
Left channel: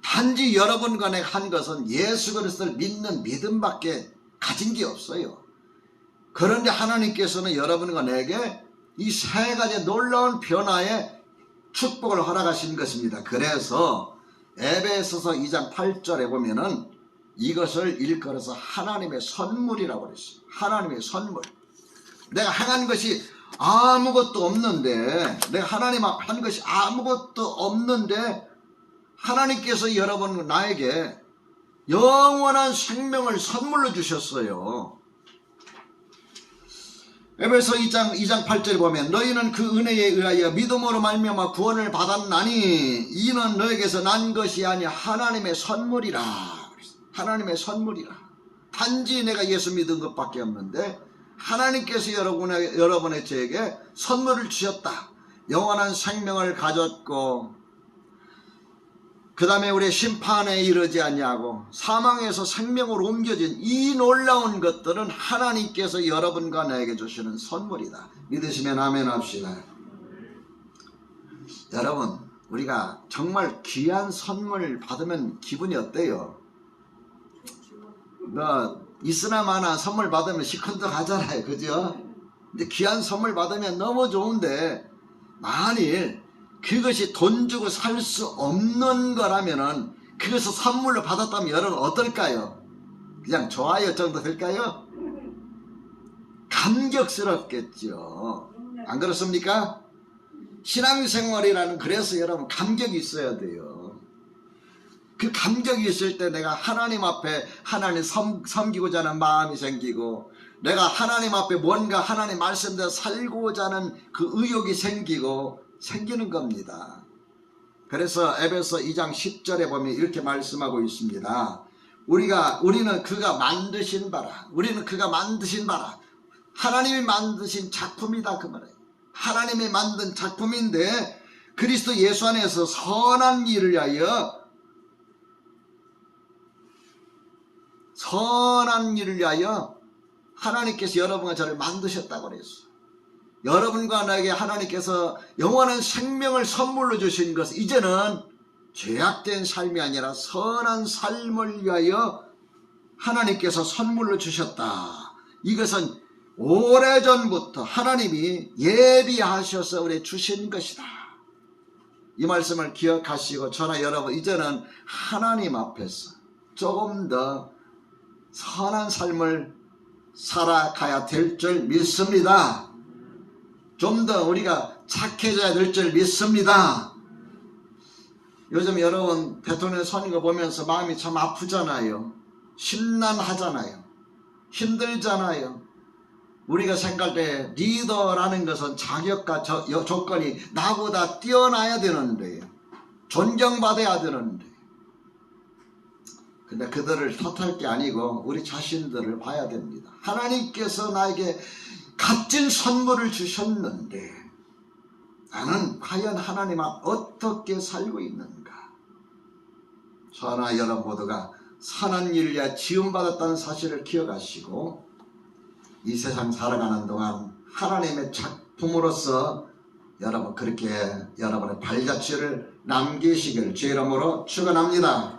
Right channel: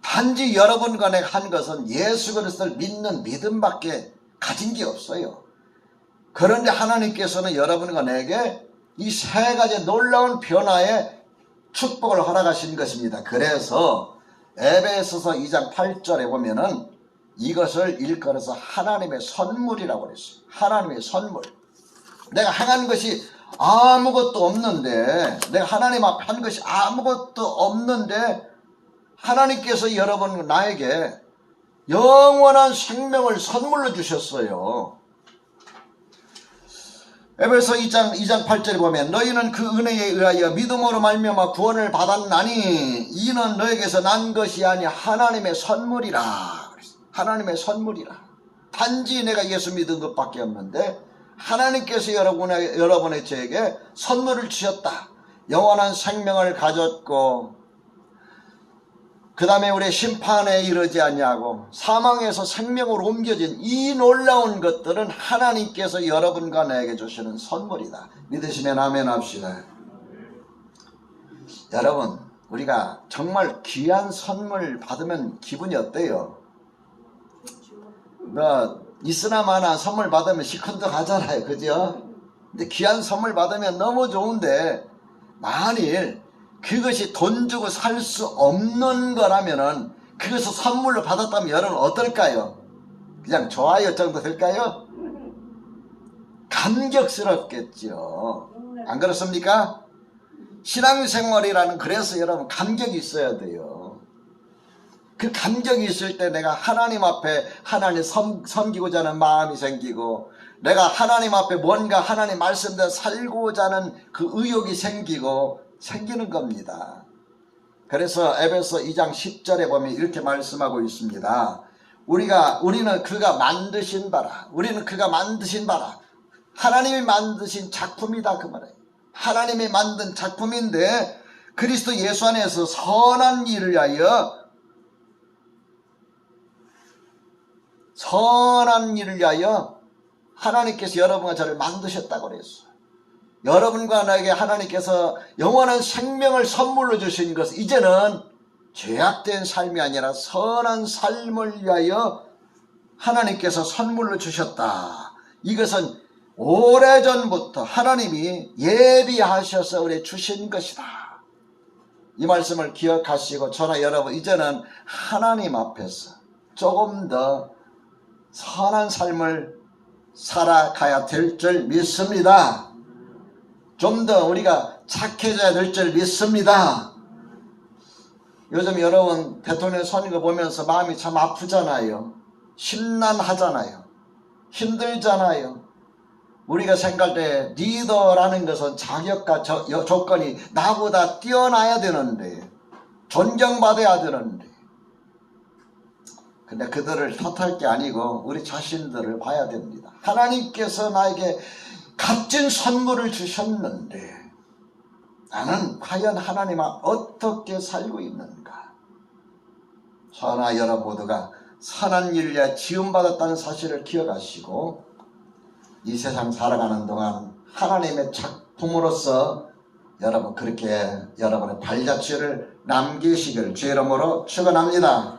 단지 여러분과 내가 한 것은 예수 그리스도를 믿는 믿음밖에 가진 게 없어요. 그런데 하나님께서는 여러분과 내게 이 세 가지 놀라운 변화의 축복을 허락하신 것입니다. 그래서 에베소서 2장 8절에 보면은 이것을 일컬어서 하나님의 선물이라고 그랬어요. 하나님의 선물. 내가 행한 것이 아무것도 없는데, 내가 하나님 앞에 한 것이 아무것도 없는데 하나님께서 여러분 나에게 영원한 생명을 선물로 주셨어요. 에베소 2장 8절에 보면 너희는 그 은혜에 의하여 믿음으로 말미암아 구원을 받았나니 이는 너에게서 난 것이 아니 하나님의 선물이라. 하나님의 선물이라. 단지 내가 예수 믿은 것밖에 없는데 하나님께서 여러분의 저에게 선물을 주셨다. 영원한 생명을 가졌고, 그 다음에 우리 심판에 이르지 아니하고 사망에서 생명으로 옮겨진 이 놀라운 것들은 하나님께서 여러분과 나에게 주시는 선물이다. 믿으시면 아멘 합시다. 여러분, 우리가 정말 귀한 선물 받으면 기분이 어때요? 있으나 마나 선물 받으면 시큰둥 하잖아요. 그죠? 근데 귀한 선물 받으면 너무 좋은데, 만일 그것이 돈 주고 살 수 없는 거라면은 그것을 선물로 받았다면 여러분 어떨까요? 그냥 좋아요 정도 될까요? 감격스럽겠죠. 안 그렇습니까? 신앙생활이라는, 그래서 여러분 감격이 있어야 돼요. 그 감격이 있을 때 내가 하나님 앞에 하나님 섬기고자 하는 마음이 생기고, 내가 하나님 앞에 뭔가 하나님 말씀대로 살고자 하는 그 의욕이 생기는 겁니다. 그래서 에베소 2장 10절에 보면 이렇게 말씀하고 있습니다. 우리는 그가 만드신 바라. 우리는 그가 만드신 바라. 하나님이 만드신 작품이다 그 말이에요. 하나님이 만든 작품인데 그리스도 예수 안에서 선한 일을 위하여 하나님께서 여러분과 저를 만드셨다고 그랬어요. 여러분과 나에게 하나님께서 영원한 생명을 선물로 주신 것은 이제는 죄악된 삶이 아니라 선한 삶을 위하여 하나님께서 선물로 주셨다. 이것은 오래전부터 하나님이 예비하셔서 우리 주신 것이다. 이 말씀을 기억하시고 저나 여러분 이제는 하나님 앞에서 조금 더 선한 삶을 살아가야 될 줄 믿습니다. 좀 더 우리가 착해져야 될 줄 믿습니다. 요즘 여러분 대통령 선거 보면서 마음이 참 아프잖아요. 심란하잖아요. 힘들잖아요. 우리가 생각할 때 리더라는 것은 자격과 조건이 나보다 뛰어나야 되는데, 존경받아야 되는데, 근데 그들을 탓할 게 아니고 우리 자신들을 봐야 됩니다. 하나님께서 나에게 값진 선물을 주셨는데 나는 과연 하나님 앞 어떻게 살고 있는가? 저나 여러분 모두가 선한 일을 위해 지음받았다는 사실을 기억하시고 이 세상 살아가는 동안 하나님의 작품으로서 여러분 그렇게 여러분의 발자취를 남기시길 주의 이름으로 축원합니다.